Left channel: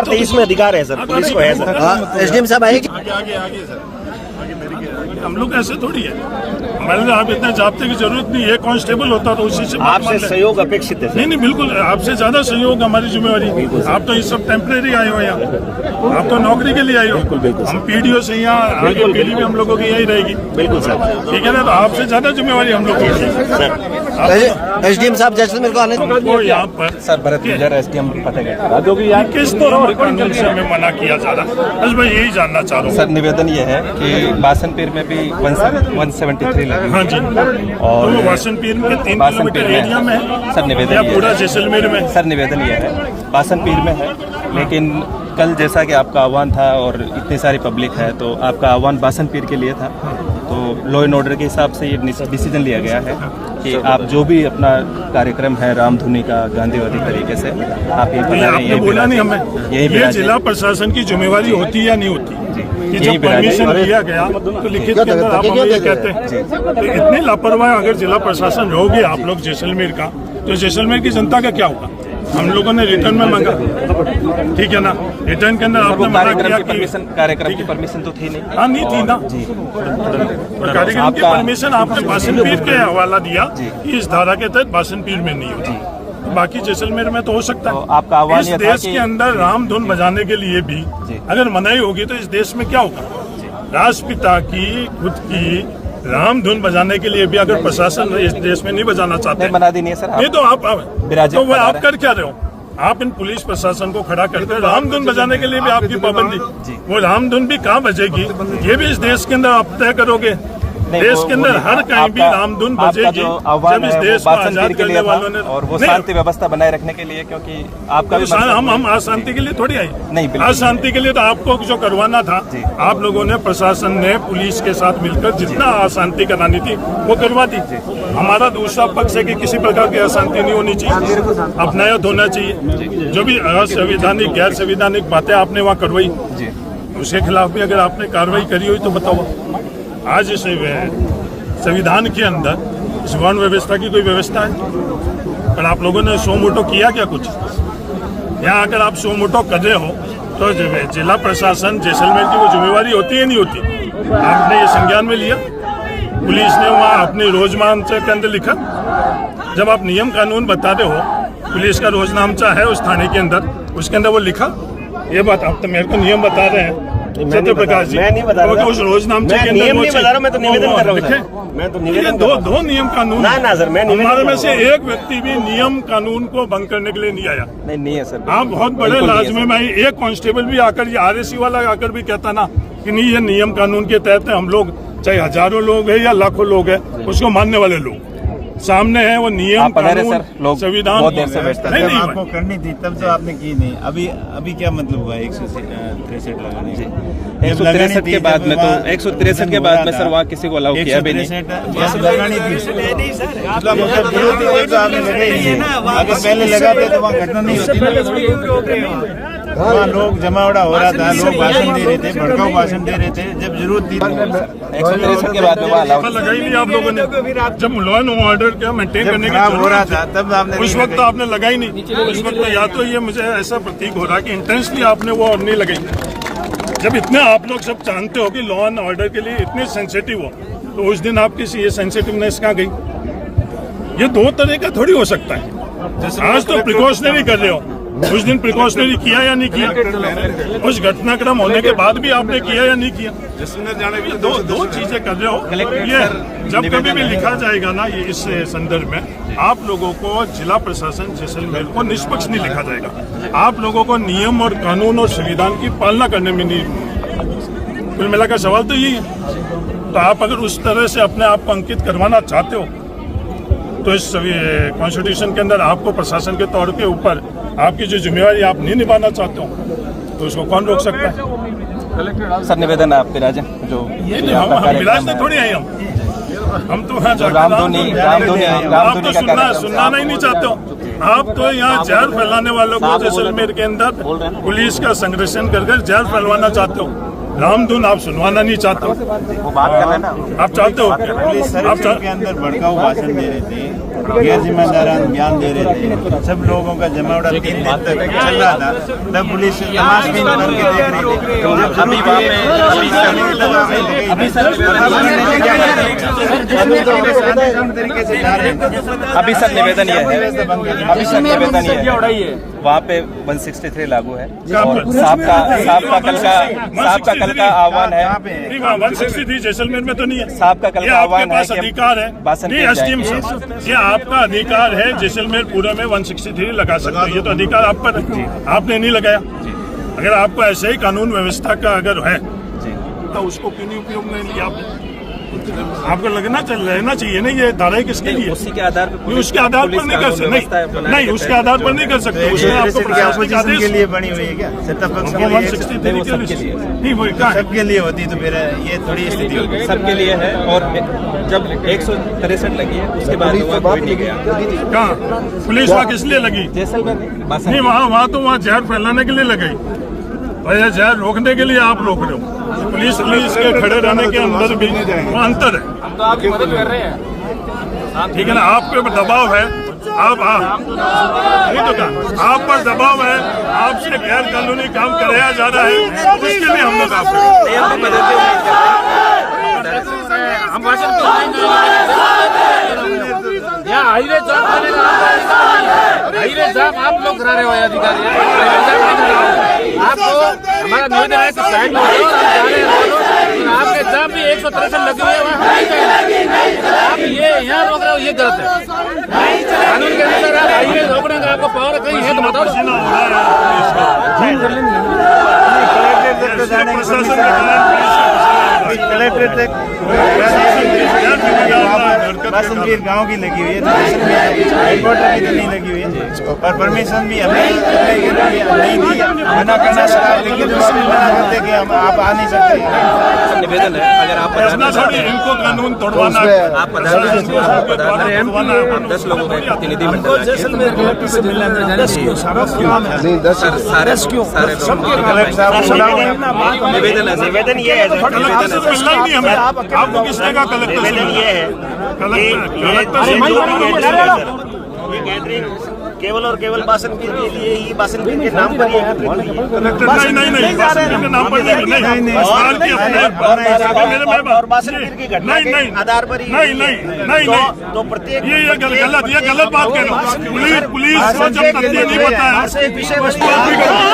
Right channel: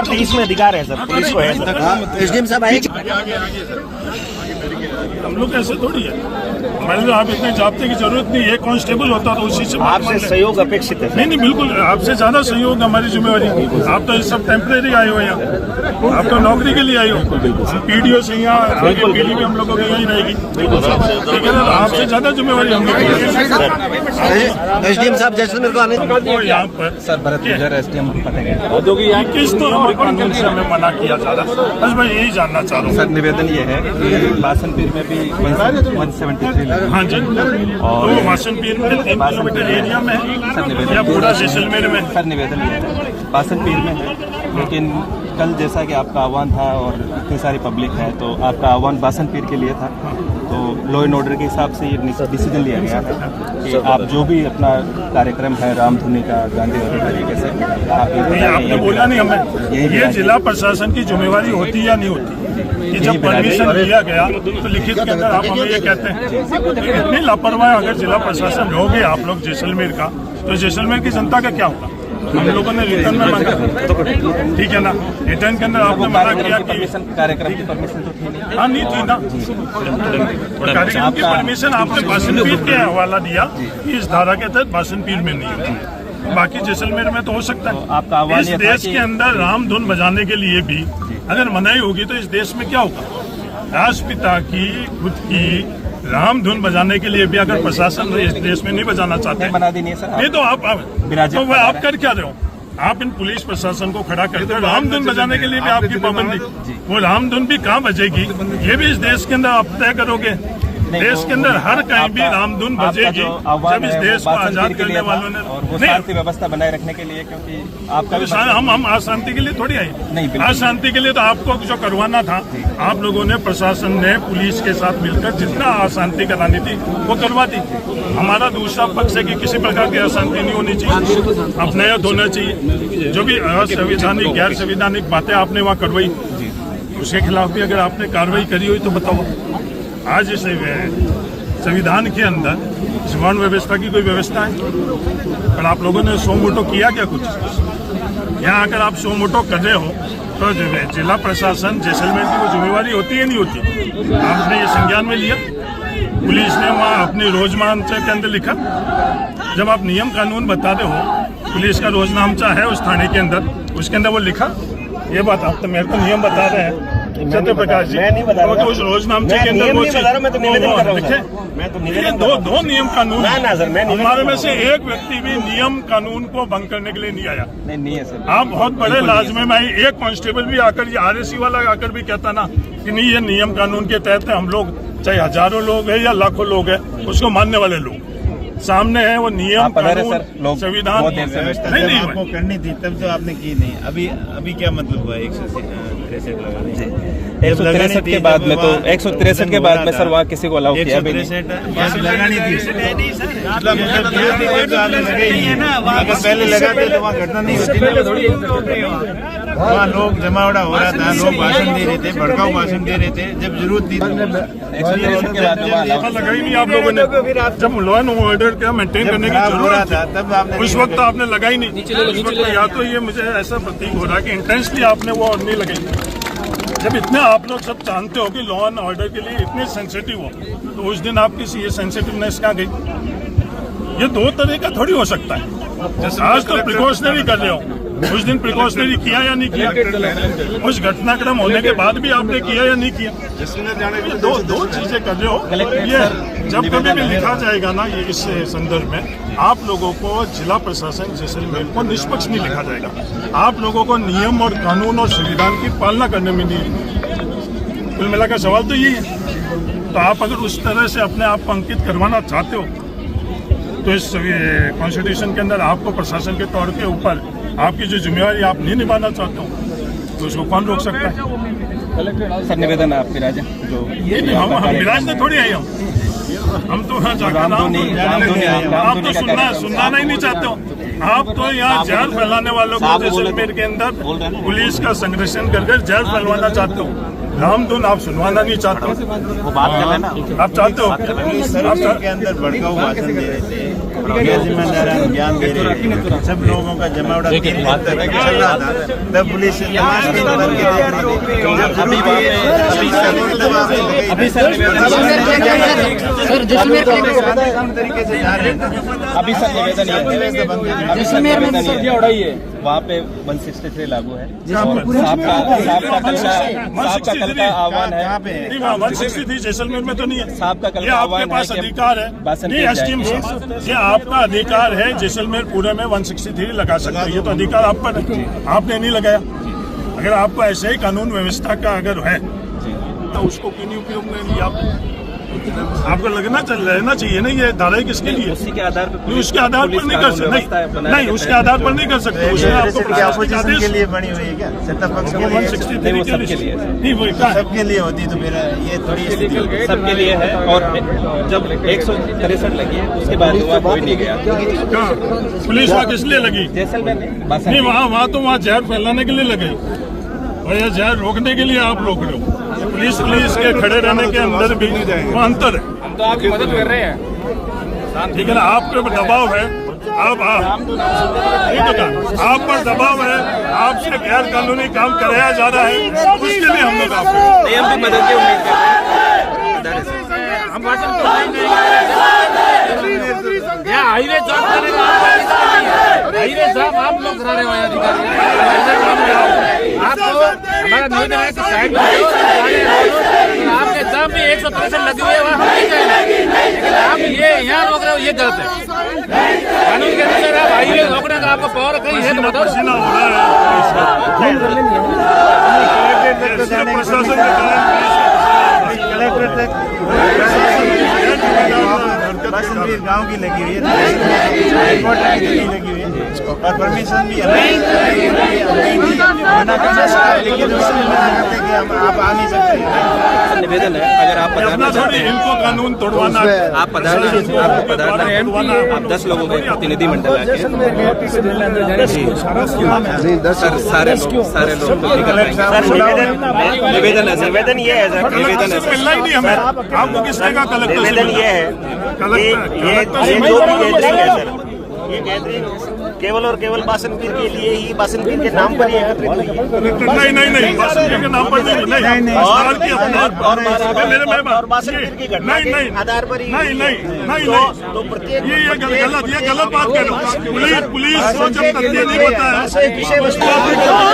2023 में अधिकार है सर, पुलिस को है सर। एसडीएम साहब आए हम लोग ऐसे थोड़ी है, हमारे लिए आप इतने जाब्ते की जरूरत नहीं है। कांस्टेबल होता तो उसी से आपसे सहयोग अपेक्षित है। नहीं बिल्कुल, आपसे ज्यादा सहयोग हमारी जिम्मेवारी। आप तो इस सब टेम्परेरी आए हो यहाँ, आप तो नौकरी के लिए आए हो। हम पीडीओ से यहाँ आगे पीढ़ी भी हम लोगों की यही रहेगी। बिल्कुल सर, ठीक है ना। तो आपसे ज्यादा जिम्मेवारी हम लोग की। एसडीएम साहब जैसलमेर को आने यहाँ पर सर भरत गुजर एसडीएम फतेहगढ़ किस तरह कानून से हमें मना किया जा रहा है, बस मैं यही जानना चाह रहा हूँ। सर निवेदन ये है कि बासनपीर में भी 173 लगी। हाँ जी, और बासनपीर में 3 किलोमीटर एरिया में है सर निवेदन या पूरा जैसलमेर में? सर निवेदन ये है बासनपीर में है, लेकिन कल जैसा कि आपका आह्वान था और इतनी सारी पब्लिक है तो आपका आह्वान बासनपीर के लिए था, तो लॉ एंड ऑर्डर के हिसाब से ये डिसीजन लिया गया है कि आप जो भी अपना कार्यक्रम है रामधुनी का गांधीवादी तरीके से आप आपने बोला नहीं हमें, ये जिला प्रशासन की जिम्मेवारी होती या नहीं होती कि जब परमिशन दिया गया तो लिखित के अंदर आप हमें ये कहते हैं कि इतनी लापरवाही अगर जिला प्रशासन लोगे आप लोग जैसलमेर का, तो जैसलमेर की जनता का क्या होगा? हम लोगों ने रिटर्न में मांगा, ठीक है ना। रिटर्न के अंदर आपने कार्यक्रम की परमिशन तो थी नहीं। हाँ नहीं थी ना, कार्यक्रम की परमिशन आपने बासनपीर के हवाला दिया कि इस धारा के तहत बासनपीर में नहीं है, बाकी जैसलमेर में तो हो सकता है। आपका आह्वान इस देश के अंदर रामधुन बजाने के लिए भी अगर मनाही होगी तो इस देश में क्या होगा? राष्ट्रपिता की खुद की रामधुन बजाने के लिए भी अगर प्रशासन इस देश में नहीं बजाना चाहते, बना दी नहीं है सर। नहीं तो आप तो आप कर क्या रहे हो? आप इन पुलिस प्रशासन को खड़ा करते हो, रामधुन बजाने के लिए भी आपकी पाबंदी। वो रामधुन भी कहाँ बजेगी, ये भी इस देश के अंदर आप तय करोगे। देश के अंदर हर कहीं भी रामधुन बजेगी जब इस देश को आजाद करने वालों ने, और वो शांति व्यवस्था बनाए रखने के लिए, क्योंकि आपका भी हम अशांति के लिए थोड़ी आई नहीं, अशांति के लिए तो आपको जो करवाना था आप लोगों ने, प्रशासन ने पुलिस के साथ मिलकर जितना अशांति करानी थी वो करवा दी। हमारा दूसरा पक्ष है कि किसी प्रकार की अशांति नहीं होनी चाहिए, अपनायत होना चाहिए। जो भी असंवैधानिक गैर संवैधानिक बातें आपने वहाँ करवाई उसके खिलाफ भी अगर आपने कार्रवाई करी हुई तो बताओ। आज इस संविधान के अंदर इस वर्ण व्यवस्था की कोई व्यवस्था है? पर आप लोगों ने सो मोटो किया क्या कुछ? यहाँ अगर आप सो मोटो कर रहे हो तो जिला प्रशासन जैसलमेर की वो जिम्मेवारी होती है नहीं होती? आपने ये संज्ञान में लिया? पुलिस ने वहाँ अपनी रोजनामचा के अंदर लिखा? जब आप नियम कानून बता रहे हो, पुलिस का रोजनामचा है उस थाने के अंदर, उसके अंदर वो लिखा? ये बात आप तो मेरे को नियम बता रहे हैं सत्यप्रकाश जी, मैं नहीं बता रहा, उस रोजनामचे के नियम नहीं बता रहा, मैं तो निवेदन कर रहा हूँ सर। मैं तो निवेदन दो नियम कानून ना सर, मैं हमारे में से एक व्यक्ति भी नियम कानून को भंग करने के लिए नहीं आया। नहीं है सर। आप बहुत बड़े लाजमी में एक कांस्टेबल भी आकर, ये आरएसी वाला आकर भी कहता ना कि नहीं ये नियम कानून के तहत हम लोग, चाहे हजारों लोग है या लाखों लोग है, उसको मानने वाले लोग सामने है। वो नियम कानून संविधान नहीं आपको करनी थी तब तो आपने की नहीं। अभी क्या मतलब हुआ 163 लगाने? 163 के बाद में तो 163 के बाद में सर वहाँ किसी को अलाउ किया भी नहीं। लगानी थी मतलब आपने लगाई है ना, अगर पहले लगाते तो वहाँ घटना नहीं होती। वहाँ लोग जमावड़ा हो रहा था, लोग भाषण दे रहे थे, भड़काऊ भाषण दे रहे थे, जब जरूरत थी 163 के बाद में वहाँ अलाउ लगाई नहीं आप लोगों ने। जब लॉ एंड ऑर्डर क्या मेंटेन करने की जरूरत था तब आपने, उस वक्त आपने लगाई नहीं। उस वक्त या तो ये मुझे ऐसा प्रतीक हो रहा है कि इंटेंसली आपने वो और नहीं लगाई। जब इतने आप लोग सब जानते हो कि लॉ एंड ऑर्डर के लिए इतने सेंसिटिव हो, तो उस दिन आपकी ये सेंसिटिवनेस कहाँ गई? ये दो तरह का थोड़ी हो सकता है। आज तो प्रिकॉशनरी कर रहे हो, उस दिन प्रिकॉशनरी किया या नहीं किया? उस घटनाक्रम होने के बाद भी आपने किया या नहीं किया? दो चीजें कर रहे हो। ये जब कभी भी लिखा जाएगा ना ये इस संदर्भ में, आप लोगों को जिला प्रशासन जैसलमेर को निष्पक्ष नहीं लिखा जाएगा। आप लोगों को नियम और कानून और संविधान की पालना करने में नहीं। कुल मिलाकर सवाल तो यही है। तो आप अगर उस तरह से अपने आप को अंकित करवाना चाहते हो तो इस कॉन्स्टिट्यूशन के अंदर आपको प्रशासन के तौर के ऊपर आपकी जो जिम्मेवारी आप नहीं निभाना चाहते हो तो उसको कौन रोक सकता है? सर निवेदन आप राजा जो हम थोड़ी आई हम तो यहाँ रामधुनी का सुनना ही नहीं चाहते हो। आप तो यहाँ जहर फैलाने वालों को जैसलमेर के अंदर पुलिस का संरक्षण कर जहर फैलवाना चाहते हो। रामधुन आप सुनवाना नहीं चाहते हो। आप चाहते हो के अंदर भड़काऊ भाषण दे रहे थे, गैर जिम्मेदारान बयान दे रहे हैं। सब लोगों का जमावड़ा 3 दिन तक चल रहा था। मैं पुलिस से तमाश की बन के देख रही थी। अभी वहाँ पे अभी सर अभी सर निवेदन ये है, अभी सर निवेदन ये है, वहाँ पे 163 लागू है और साहब का कल का आह्वान है। नहीं, वहाँ 163 जैसलमेर में तो नहीं है। साहब का कल ये का आपके आह्वान है पास कि अधिकार है। बासन नहीं, पीर एसडीएम जाएंगे। साहब, ये आपका अधिकार है। जैसलमेर पूरे में 163 लगा सकते हो, ये तो अधिकार आप पर है। आपने नहीं लगाया। अगर आपको ऐसे ही कानून व्यवस्था का अगर है तो उसको क्यों नहीं उपयोग में लिया? आपको रहना चाहिए ना, ये धारा किसके लिए? उसी के आधार पर नहीं, उसके आधार पर नहीं कर सकते। नहीं, उसके आधार पर नहीं कर सकते। उसमें आपको प्रशासनिक के आदेश लिए बनी हुई है क्या? सत्ता पक्ष के लिए 163 के लिए नहीं, वो क्या है? सबके लिए होती तो फिर ये थोड़ी स्थिति होगी। सबके लिए है। और जब 163 लगी है उसके बाद वहाँ कोई नहीं गया। कहाँ पुलिस वहाँ किस लिए लगी? जैसलमेर नहीं, वहाँ तो वहाँ जहर फैलाने के लिए लगाई। भैया जहर रोकने के लिए आप रोक रहे हो। पुलिस के खड़े रहने के अंदर भी वो अंतर है। हम तो आपकी मदद कर रहे हैं। लेकिन आपके ऊपर दबाव है। आप नहीं तो कहा, आप पर दबाव है, आपसे गैर कानूनी काम कराया जा रहा है, उसके लिए हम लोग आपको मदद की उम्मीद कर रहे हैं। यहाँ हाईवे जॉब करेगा, हाईवे जॉब आप लोग करा रहे हो अधिकारी। आपको हमारा निवेदन है कि साइड में आपके जॉब भी 163 लगी हुई है, वहाँ हम नहीं जाएंगे। आप ये यहाँ रोक रहे हो, ये गलत है। कानून के अनुसार आप हाईवे रोकने का आपको पावर कहीं है तो बताओ। प्रशासन कलेक्टर तक बासनपीर गांव की लगी हुई है, हाईकोर्ट की नहीं लगी हुई है और परमिशन भी हमें नहीं दी। मना करना लेकिन करते कि हम आप आ नहीं सकते। निवेदन है, अगर आप अपना थोड़ी इनको कानून तोड़वाना, प्रशासन को तोड़वाना। 10 लोगों के प्रतिनिधि मंडल निवेदन ये है सर, कलेक्टर से मिलना ही नहीं हमें। आपको किसने कहा कलेक्टर से मिलना? कलेक्टर से ये गैदरिंग केवल और केवल बासनपीर के लिए ही, बासनपीर के नाम पर ही है। नहीं, बासनपीर के नाम पर नहीं। और बासनपीर की घटना के आधार पर ही नहीं, तो प्रत्येक ये गलत बात कह रहे हो। पुलिस को जब तथ्य नहीं पता है, विषय वस्तु बात नहीं कर रहे।